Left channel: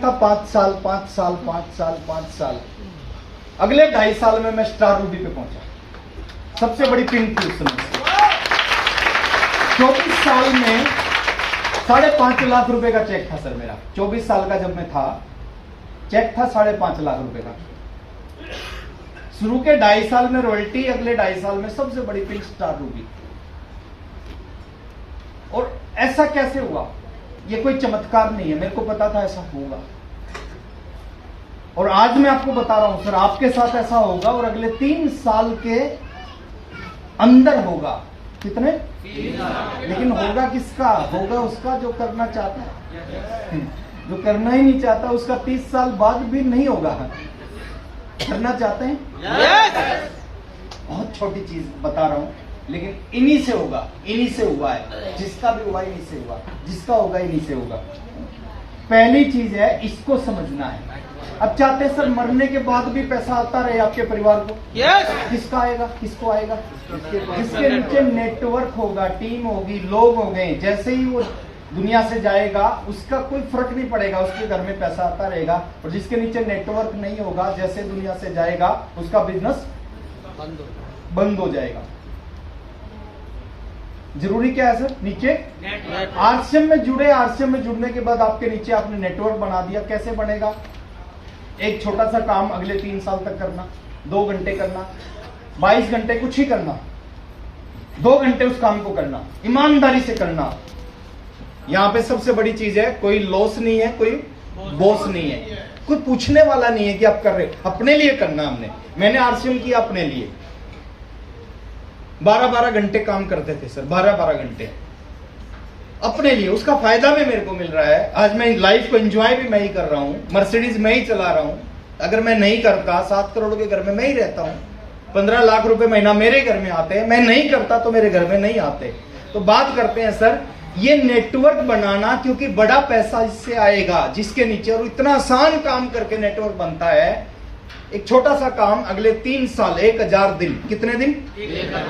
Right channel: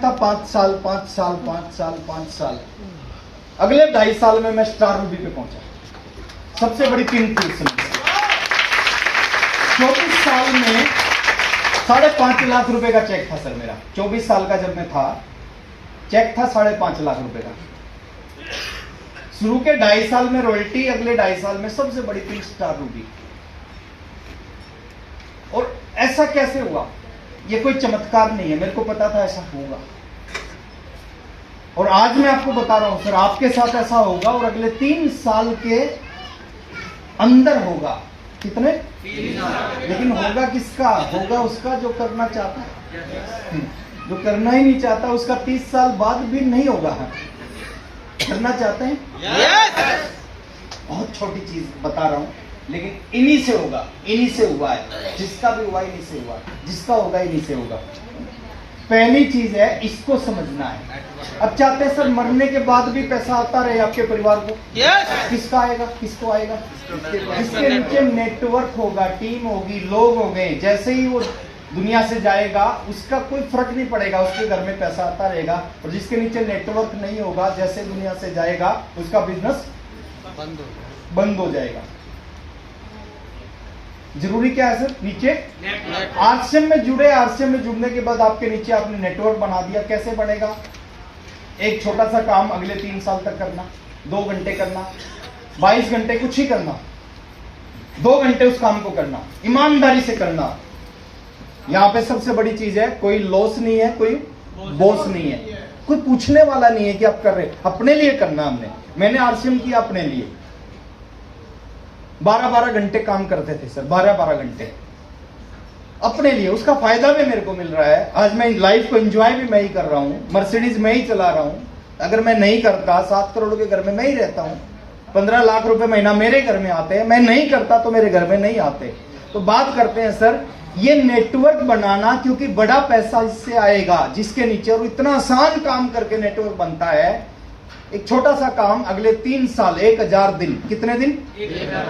में था 5 साल 5 साल 5 साल 5 साल। अगले 2.5 साल में मैं स्टार रूबी पे पहुंचा, सबसे बड़ी पिन थी उस समय। 24 साल में 5.5 लाख रुपए का चेक था सर मेरा। 24 साल का जब मैं था, चेक था 5.5 लाख रुपए का। शुरू के 2.5 साल में रॉयल्टी, अगले 2.5 साल में सबसे बड़ी पिन स्टार रूबी। और ऐसा कैसे हुआ? ये कोई चमत्कार नहीं है, मेरे को पता था ऐसा होगा। और आज मैं आपको बता रहा हूं सर, आपके साथ ऐसा होगा और अगले 3 साल के अंदर होगा। कितने? 3 साल। लेकिन होगा किसका? होगा उसका जो करना चाहता है। जो करना ही नहीं चाहता उसका 30 साल बाद भी नहीं होगा। करना चाहते हैं? बहुत छोटी चीज बता रहा हूं, लेकिन इन्हीं से होगा, इन्हीं से हुआ है। जिसका भी हुआ इन्हीं से हुआ, जिसका होगा इन्हीं से होगा। पहली चीज है, इसको समझना है। अब चाहते हैं सर मरने के बाद भी पैसा आता रहे आपके परिवार को? किसका आएगा? किसको आएगा? जिसके नीचे नेटवर्क होगा, टीम होगी, लोग होंगे, जैसे ही वो दुनिया से जाएगा उसका कोई फर्क नहीं पड़ेगा, उसके घर में पैसा आता रहेगा। और जिसके नीचे नेटवर्क नहीं होगा, जैसे दुनिया से जाएगा उसका बिजनेस बंद हो जाएगा। जरूरी क्या है सर? नीचे आरसीएम में जुड़े। आरसीएम में जुड़ने के बाद आपके नीचे आपने नेटवर्क बना दिया। कैसे बनेगा? एक छोटा सा काम अगले 3 साल तक करना, 2 घंटे करना, 22 घंटे कुछ ही करना, 2 घंटे उस काम को करना, ईमानदारी से करना। यहां पे सबसे बड़ी चीज है, कोई लॉस नहीं है, कोई बॉस नहीं है, कोई पूछने वाला नहीं है कि आप कर रहे। अपने लिए करना हमने। मैंने आरसीएम किया अपने लिए। 12-12 घंटे काम करते थे सर, 12-12 घंटे अपने लिए। उसका फायदा भी मेरे को मिल रहा है। आज मैं लाइफ को एंजॉय भी मैं ही कर रहा हूं, मर्सिडीज मैं ही चला रहा हूं। अगर मैं नहीं करता, 7 करोड़ के घर में मैं ही रहता हूं, 15 लाख रुपए महीना मेरे घर में आते हैं। मैं नहीं करता तो मेरे घर में नहीं आते। तो बात करते हैं सर, ये नेटवर्क बनाना, क्योंकि बड़ा पैसा इससे आएगा जिसके नीचे। और इतना आसान काम करके नेटवर्क बनता है। एक छोटा सा काम अगले 3 साल, 1000 दिन। कितने दिन?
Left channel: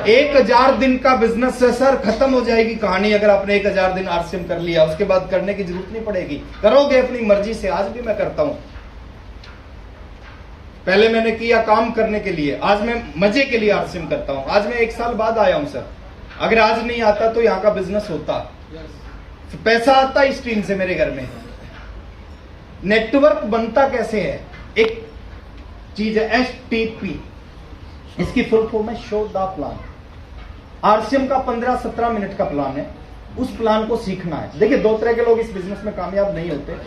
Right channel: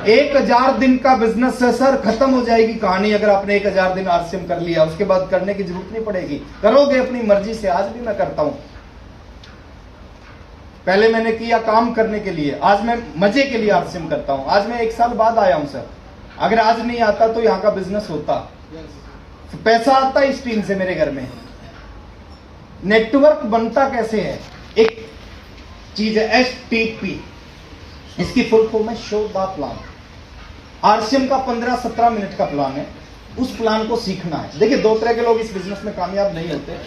1000 दिन का बिजनेस है सर। खत्म हो जाएगी कहानी अगर आपने 1000 दिन आरसीएम कर लिया। उसके बाद करने की जरूरत नहीं पड़ेगी, करोगे अपनी मर्जी से। आज भी मैं करता हूं। पहले मैंने किया काम करने के लिए, आज मैं मजे के लिए आरसीएम करता हूं। आज मैं 1 साल बाद आया हूं सर। अगर आज नहीं आता तो यहां का बिजनेस होता, पैसा आता इस टीम से मेरे घर में। नेटवर्क बनता कैसे है? एक चीज है STP, इसकी फुल फॉर्म है शो द प्लान। आरसीएम का 15-17 मिनट का प्लान है। उस प्लान को सीखना है। देखिए, 2 तरह के लोग इस बिजनेस में कामयाब नहीं होते।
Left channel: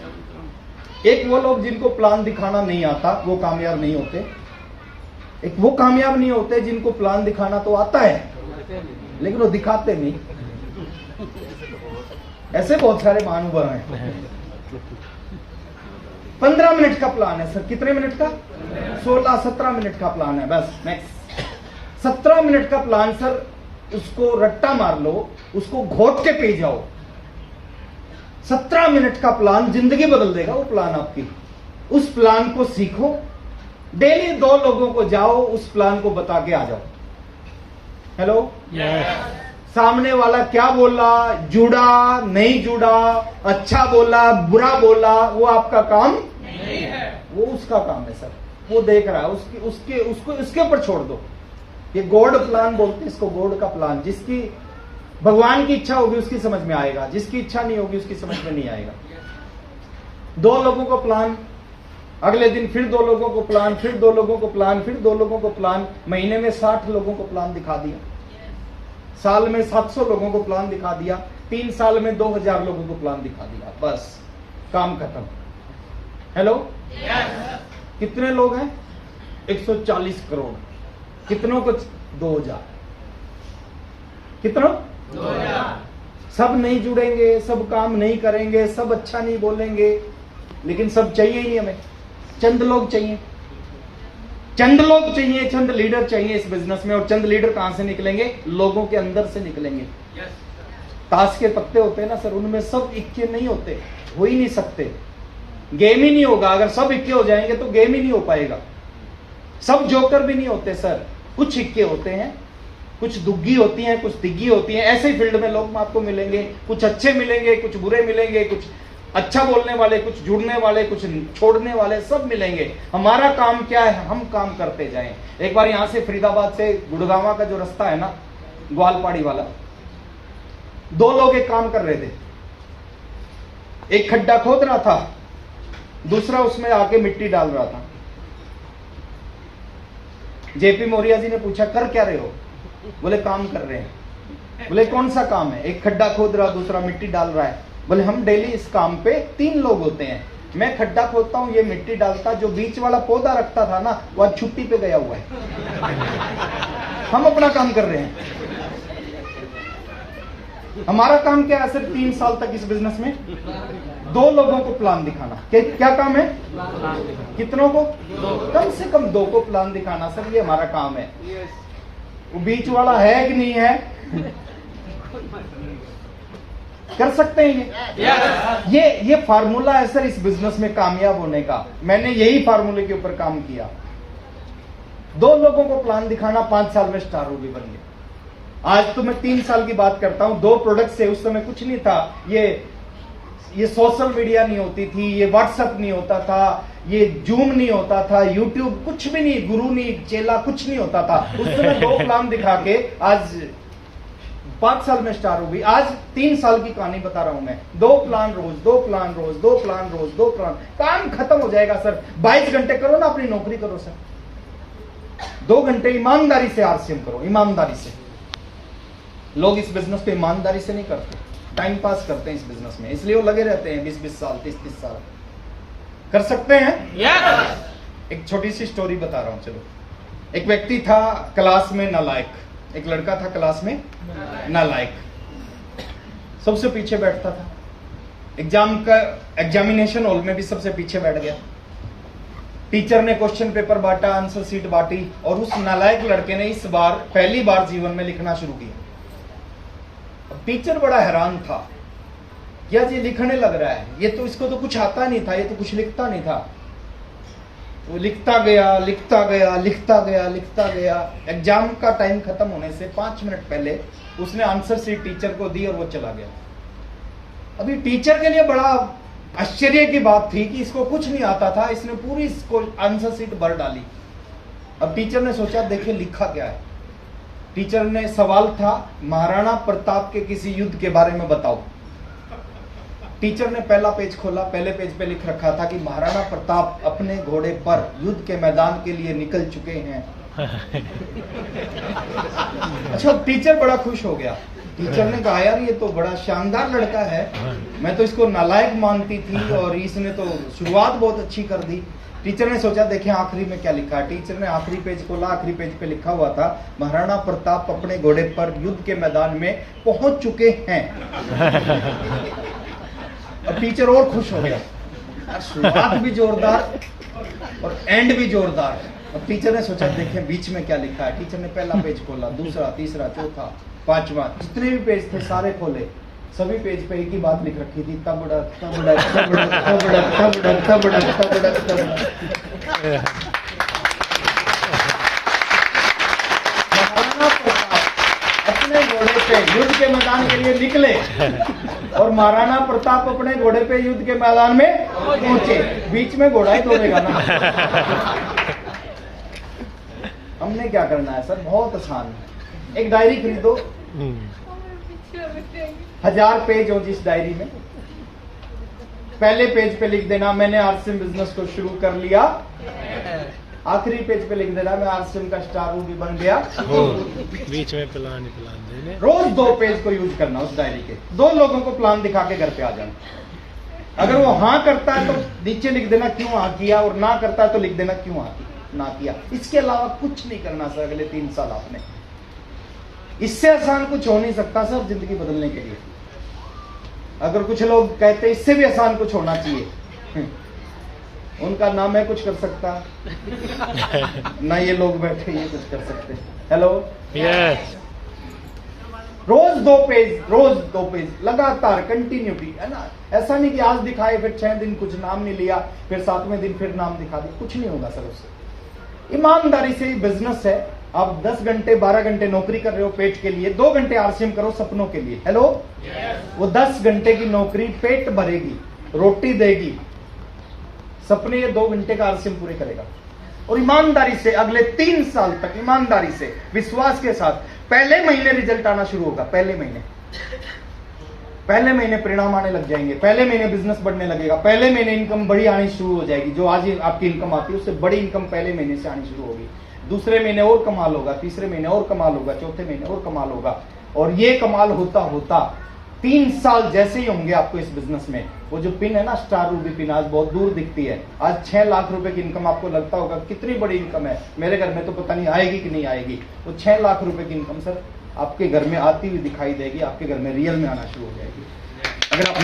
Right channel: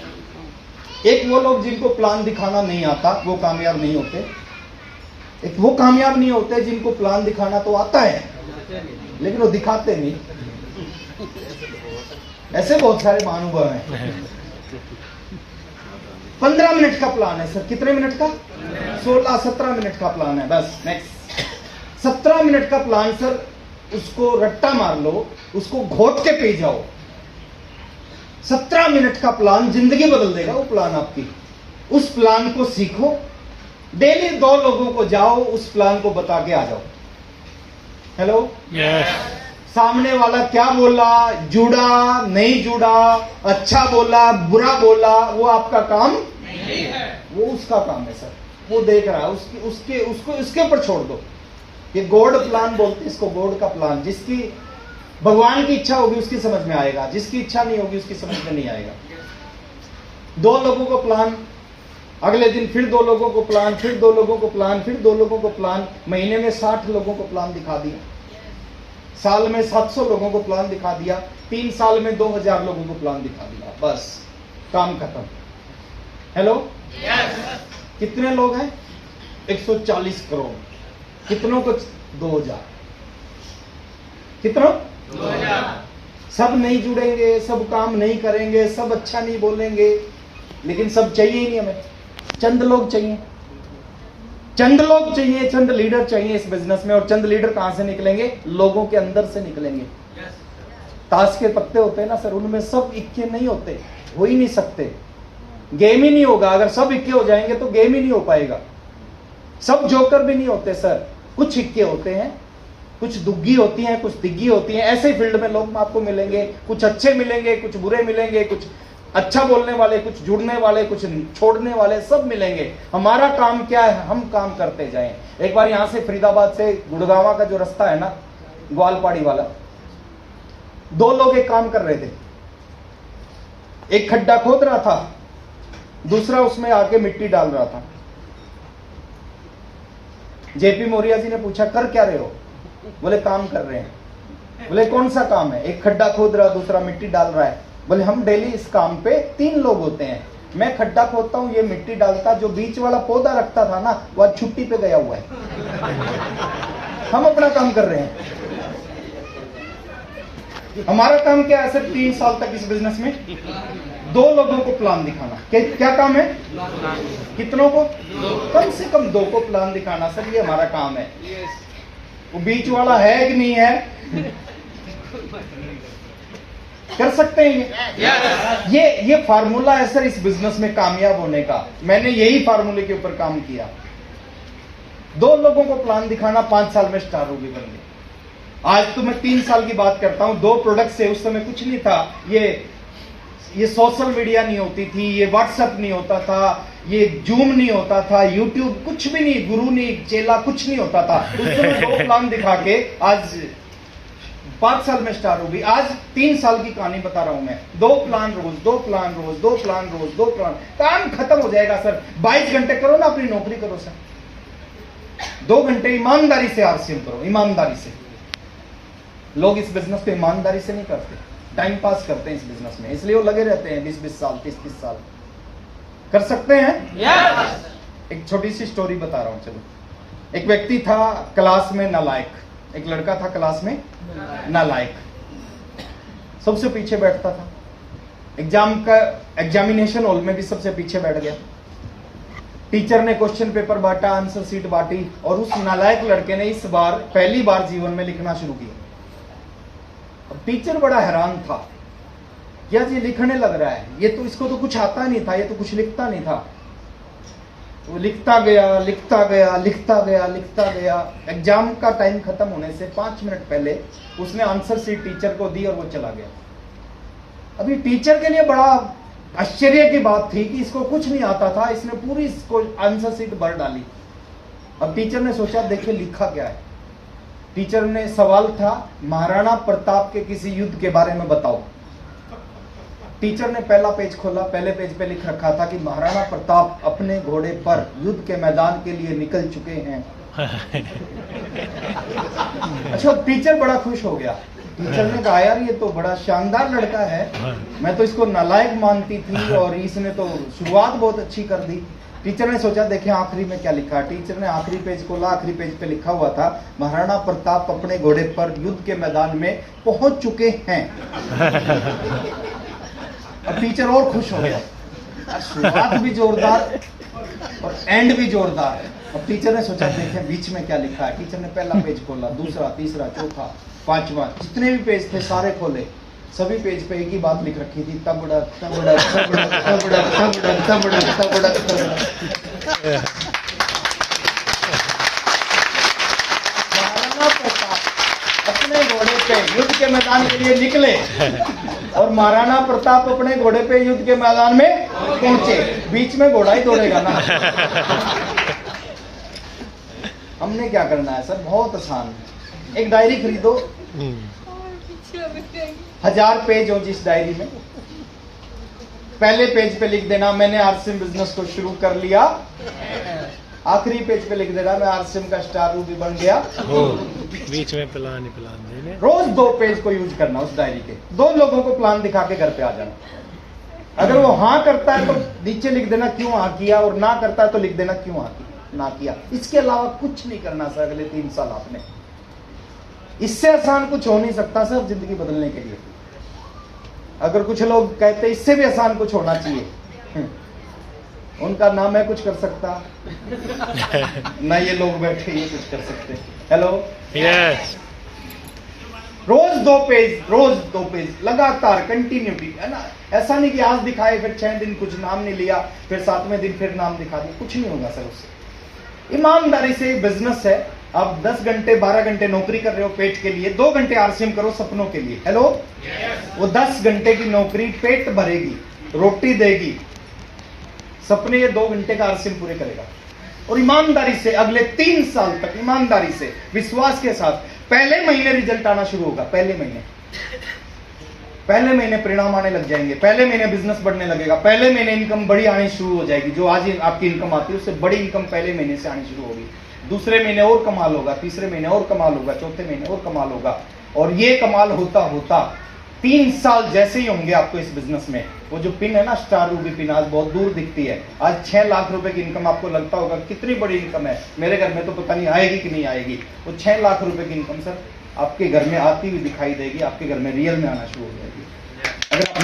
एक वो लोग जिनको प्लान दिखाना नहीं आता, वो कामयाब नहीं होते। एक वो कामयाब नहीं होते जिनको प्लान दिखाना तो आता है लेकिन वो दिखाते नहीं। ऐसे बहुत सारे महानुभव हैं। 15 मिनट का प्लान है सर। कितने मिनट का? 16-17 मिनट का प्लान है बस। नेक्स्ट 17 मिनट का प्लान सर, उसको रट्टा मार लो, उसको घोट के पे जाओ। 17 मिनट का प्लान जिंदगी बदल देगा। वो प्लान आपकी, उस प्लान को सीखो। डेली 2 लोगों को जाओ, उस प्लान को बता के आ जाओ। हेलो, सामने वाला क्या बोला, जुड़ा नहीं जुड़ा, अच्छा बोला बुरा बोला, वो आपका काम नहीं है। वो उसका काम है सर। वो देख रहा है, उसके ऊपर छोड़ दो। ये गॉड प्लान बोलते हैं इसको, गॉड का प्लान। जिसकी भगवान की इच्छा होगी उसकी समझ में आएगा, जिसकी इच्छा नहीं होगी उसकी समझ में नहीं आएगा। 2 लोगों को प्लान, अगले दिन फिर 2 लोगों को प्लान, फिर 2 लोगों को प्लान, फिर 2 लोगों को प्लान। महीने में 60 लोगों को प्लान दिखा दिया, साल में 700 लोगों को प्लान दिखा दिया, 3 साल में 2000 लोगों को प्लान दिखा दिया। बस काम खत्म। हेलो, कितने लोग हैं? 140 करोड़। कितनों को? 2000। कितनों? 2000। सब नहीं जुड़ेंगे, सब काम नहीं करेंगे, सब अच्छा नहीं बोलेंगे, लेकिन सब चाहिए ही नहीं हमें। चंद लोग चाहिए, चंद लोग चाहिए, चंद लीडर चाहिए इस बिजनेस में। और चंद लीडर कहां से निकलेंगे? लोगों के अंदर से निकलेंगे। ताश के पत्ते होते हैं ना सर, उनमें सब इक्के नहीं होते, हो ही नहीं सकते। गेम ही नहीं होगा। अगर सब इक्के हो जाएंगे तो गेम ही नहीं हो पाएगा। सब जोकर भी नहीं होते सर, कुछ इक्के होते हैं, कुछ दुग्गी होती हैं, कुछ दिग्गी होती हैं। ऐसे फील्ड में लोग आपको मिलेंगे, कुछ अच्छे मिलेंगे, कुछ बुरे मिलेंगे, कुछ अच्छा बोलने वाले, कुछ जुड़ने वाले, कुछ छोड़ने वाले, सब मिलेंगे। हमारा काम क्या है, हम काम करते जाएं। एक बार यहां से फरीदाबाद से गुड़गांव का जो रास्ता है ना, ग्वालपाड़ी वाला, 2 लोग एक काम कर रहे थे। एक खड्डा खोद रहा था, दूसरा उसमें आके मिट्टी डाल रहा था। जेपी मौर्य जी ने पूछा, कर क्या रहे हो? बोले काम कर रहे हैं। बोले कौन सा काम है? एक खड्डा खोद रहा, दूसरा मिट्टी डाल रहा है। बोले हम डेली इस काम पे 3 लोग होते हैं, मैं खड्डा खोदता हूं, ये मिट्टी डालता, जो बीच वाला पौधा रखता था ना, वह छुट्टी पे गया हुआ है। हम अपना काम कर रहे हैं। हमारा काम क्या है सर? 3 साल तक इस बिजनेस में 2 लोगों को प्लान दिखाना। क्या काम है? कितनों को? कम से कम 2 को प्लान दिखाना सर, ये हमारा काम है। वो बीच वाला है कि नहीं है? कर सकते हैं ये फार्मूला है सर इस बिजनेस में कामयाब होने का। मैंने यही फार्मूले के ऊपर काम किया। 2 लोगों को प्लान दिखाना, 5 साल में स्टार होगी बनने। आज तो मैं 3 साल की बात करता हूं। 2 प्रोडक्ट से, उस समय कुछ नहीं था। ये सोशल मीडिया नहीं होती थी, ये व्हाट्सएप नहीं होता था, ये जूम नहीं होता था, यूट्यूब कुछ भी नहीं, गुरु नहीं, चेला कुछ नहीं होता था। उस समय 2 प्लान दिखा के आज 5 साल में स्टार हो गई। आज 3 साल की कहानी बता रहा हूं मैं। 2 प्लान रोज, 2 प्लान रोज, 2 प्लान रोज, 2 प्लान। काम खत्म हो जाएगा सर। 22 घंटे करो ना, अपनी नौकरी करो सर। 2 घंटे ईमानदारी से आरसीएम करो, ईमानदारी से। लोग इस बिजनेस पे ईमानदारी से नहीं करते, टाइम पास करते हैं इस बिजनेस में, इसलिए वो लगे रहते हैं 20-20 साल, 30-30 साल। कर सकते हैं? एक छोटी सी स्टोरी बता रहा हूं। चलो, एक व्यक्ति था क्लास में नालायक, एक लड़का था क्लास में नालायक, सबसे पीछे बैठता था। एग्जामिनेशन हॉल में भी सबसे पीछे बैठ गया। टीचर ने क्वेश्चन पेपर बांटा, आंसर शीट बांटी, और उस नालायक लड़के ने इस बार पहली बार जीवन में लिखना शुरू किया। टीचर बड़ा हैरान था, क्या जी लिखने लग रहा है, ये तो इसको तो कुछ आता नहीं था, ये तो कुछ लिखता नहीं था। वो लिखता गया, लिखता गया, लिखता गया, लिखता गया। एग्जाम का टाइम खत्म होने से 5 मिनट पहले उसने आंसर शीट टीचर को दी और वो चला गया। अभी टीचर के लिए बड़ा आश्चर्य की बात थी कि इसको कुछ नहीं आता था, इसने पूरी इसको आंसर शीट भर डाली। अब टीचर ने सोचा, देखिए लिखा क्या है। टीचर ने सवाल था, महाराणा प्रताप के किसी युद्ध के बारे में बताओ। टीचर ने पहला पेज खोला, पहले पेज पे लिख रखा था कि महाराणा प्रताप अपने घोड़े पर युद्ध के मैदान के लिए निकल चुके हैं। अच्छा, टीचर बड़ा खुश हो गया। टीचर ने कहा, यार ये तो बड़ा शानदार लड़का है, मैं तो इसको नालायक मानती थी और इसने तो शुरुआत बहुत अच्छी कर दी। टीचर ने सोचा, देखिए आखिरी में क्या लिखा। टीचर ने आखिरी पेज खोला, आखिरी पेज पे लिखा हुआ था, महाराणा प्रताप अपने घोड़े पर युद्ध के मैदान में पहुंच चुके हैं। अब टीचर और खुश हो गया, शुरुआत भी जोरदार और एंड भी जोरदार। अब टीचर ने सोचा, देखें बीच में क्या लिखा है। टीचर ने पहला पेज खोला, दूसरा, तीसरा, चौथा, 5वां, जितने भी पेज थे सारे खोले। सभी पेज पे एक ही बात लिख रखी थी, तबड़क तबड़क तबड़क तबड़क तबड़क तबड़क तबड़क तबड़क। अपने घोड़े पे युद्ध के मैदान के लिए निकले और महाराणा प्रताप अपने घोड़े पे युद्ध के मैदान में पहुंचे। बीच में घोड़ा ही दौड़ेगा ना। हमने क्या करना है सर? बहुत आसान है। एक डायरी खरीदो, 1000 पेज हो जिस डायरी में, पहले पेज पे लिख देना, मैंने आरसीएम बिजनेस को शुरू कर लिया। आखिरी पेज पे लिख देना, मैं आरसीएम का स्टार भी बन गया। बीच में प्लान देने। रोज 2 पेज को यूज करना उस डायरी के। 2 लोगों को प्लान दिखा के घर पे आ जाना। अगर वो हाँ करता है तो नीचे लिख देना क्यों हाँ किया, और ना करता है तो लिख देना क्यों ना किया। इसके अलावा कुछ नहीं करना सर अगले 3 साल आपने। इससे आसान कुछ हो नहीं सकता सर जिंदगी बदलने के लिए। अगर कुछ लोग कहते इससे भी आसान कुछ होना चाहिए, उनका नाम है कुछ कर सकता ना, ये लोग बैठे ये कुछ कर सकते। Hello, yes. रोज 2 पेज लगातार कंटिन्यूटी है ना। ऐसा नहीं कि आज दिखाए फिर 6 दिन कुछ नाम नहीं लिया, फिर 7वें दिन फिर नाम दिखा दिया, कुछ नहीं होगा सर उससे। ईमानदारी से बिजनेस है। आप 10 घंटे 12 घंटे नौकरी कर रहे हो पेट के लिए, 2 घंटे आरसीएम करो सपनों के लिए। हेलो, वो 10 घंटे की नौकरी पेट भरेगी, रोटी देगी, सपने ये 2 घंटे का आरसीएम पूरे करेगा। और ईमानदारी से अगले 3 साल तक ईमानदारी से विश्वास के साथ पहले महीने रिजल्ट आना शुरू होगा। पहले महीने परिणाम आने लग जाएंगे, पहले महीने बिजनेस बढ़ने लगेगा, पहले महीने इनकम बड़ी आनी शुरू हो जाएगी। जो आज आपकी इनकम आती है उससे बड़ी इनकम पहले महीने से आनी शुरू होगी। दूसरे महीने और कमाल होगा, तीसरे महीने और कमाल होगा, चौथे महीने और कमाल होगा। और ये कमाल होता होता 3 साल जैसे ही होंगे आपको इस बिजनेस में, वो जो पिन है ना, स्टार रूबी पिन, आज बहुत दूर दिखती है। आज 6 लाख रुपए की इनकम आपको लगता होगा कितनी बड़ी इनकम है, मेरे घर में तो पता नहीं आएगी कि नहीं आएगी। वो 6 लाख रुपए की इनकम सर आपके घर में आती हुई दिखाई देगी, आपके घर में रियल में आना शुरू हो जाएगी। अगर आप